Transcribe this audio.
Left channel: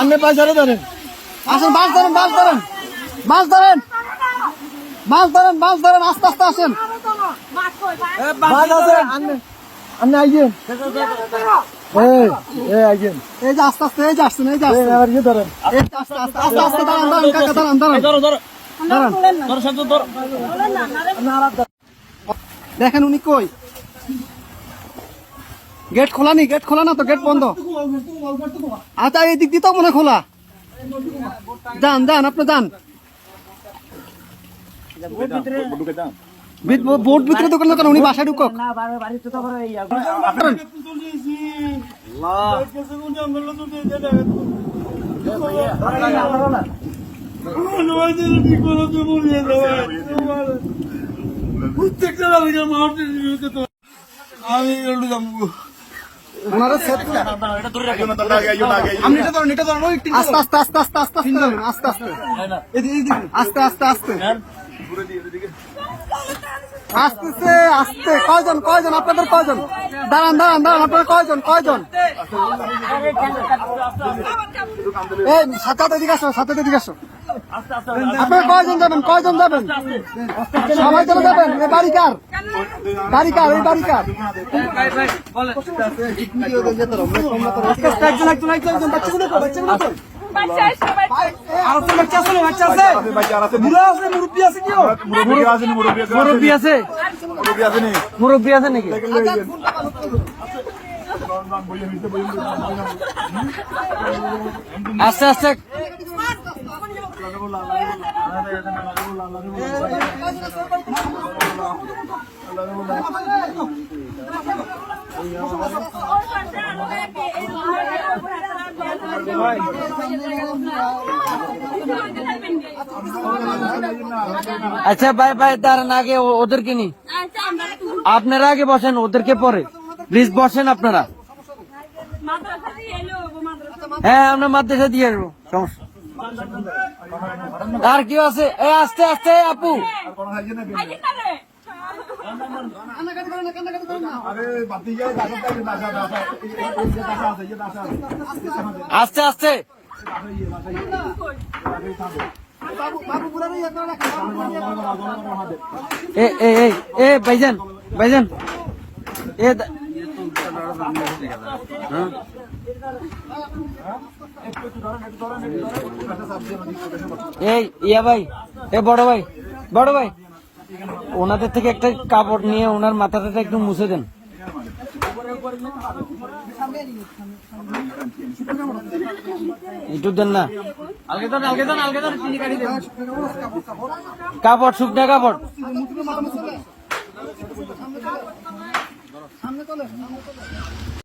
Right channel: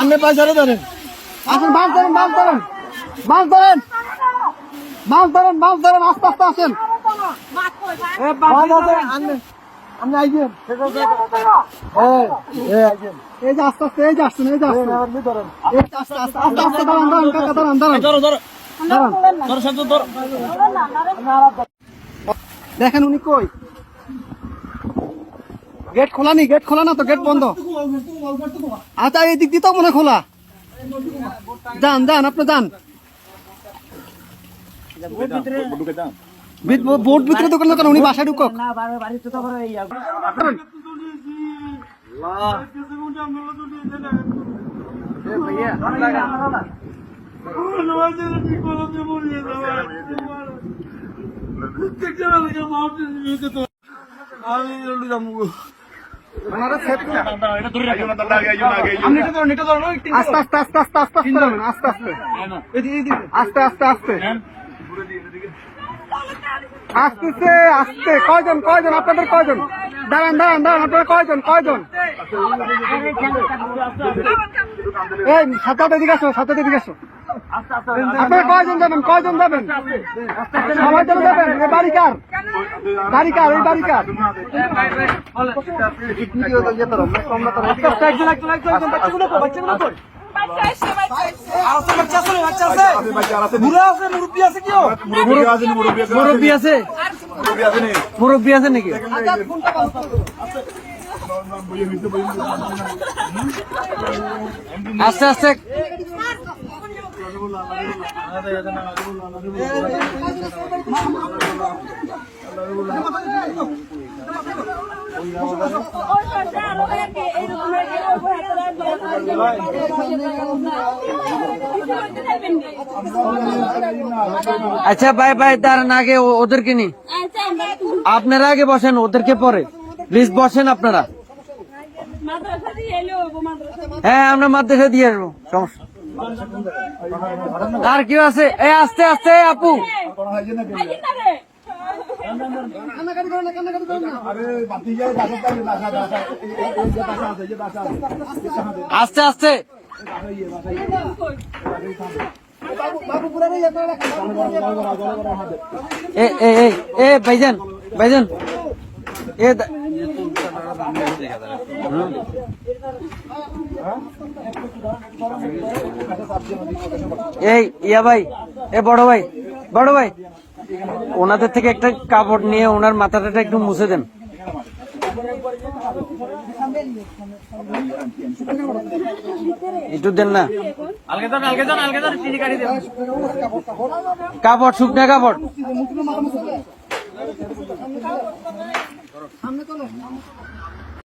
আপনি পয়সাটা ধরেন, আসেন, মাছ ধরেন, মাছ ধরেন, মাছ ধরেন, মাছ ধরেন, মাছ ধরেন, আস্তে আস্তে আসেন। আপনি আইয়েন, এই যে আস্তে আস্তে, এই যে আসছেন, এই যে আসছেন, এই যে আস্তে আস্তে আস্তে আস্তে দাঁড়ান, দাঁড়ান কাকা, দাঁড়ান, দাঁড়ান, দাঁড়ান। দেখেন উনি কই, গেট খোলা নি, গেট খোলা না তো, গেট বন্ধ। আচ্ছা এই দিক দিয়ে তো মনে খোলা, যান যান, আপনি যান, বোট ভিতরে দোকান দোকান, উনি বাসায় ঢুকক। আস্তে আস্তে আস্তে আস্তে আস্তে আস্তে আস্তে আস্তে আস্তে আসতেছে, আসতে। কয়জন, কয়জন আপনাদের, কয়জন? দাঁড়ান দাঁড়ান দাঁড়ান, আপনারা কয়জন, কয়জন? এই সাথে এদিকে আসো, সাথে এদিকে আসো। আপনারা কয়জন যাবেন, কয়জন যাবেন? সবাই চলে যাবেন? এই বাড়ি কার, বাড়ি কার, এই বাড়ি কার? মুরব্বী আছে, মুরব্বী আছে নাকি? আস্তে আস্তে আচ্ছা ভাই ভাই, দাঁড়ান, আগে ওদেরকে নি, আপনারা আগে বসেন, ওদেরকে পরে প্লিজ বসেন আপনারা। হ্যাঁ আমরা মাদ্রাসা দিয়ে আসবো, সমস্যা। আর কেউ আছে? এই আস্তে আস্তে আপু, আস্তে আস্তে। এ ভাইজান, ভাইজান এই ইয়া ভাই, এ বড় ভাই, বড় ভাই, ওনাদের থেকে একটা কাপড় নিয়ে ওনার মাথাটা একটু মুছে দেন। একটু দেন না, কাপড়, শুকনা কাপড়।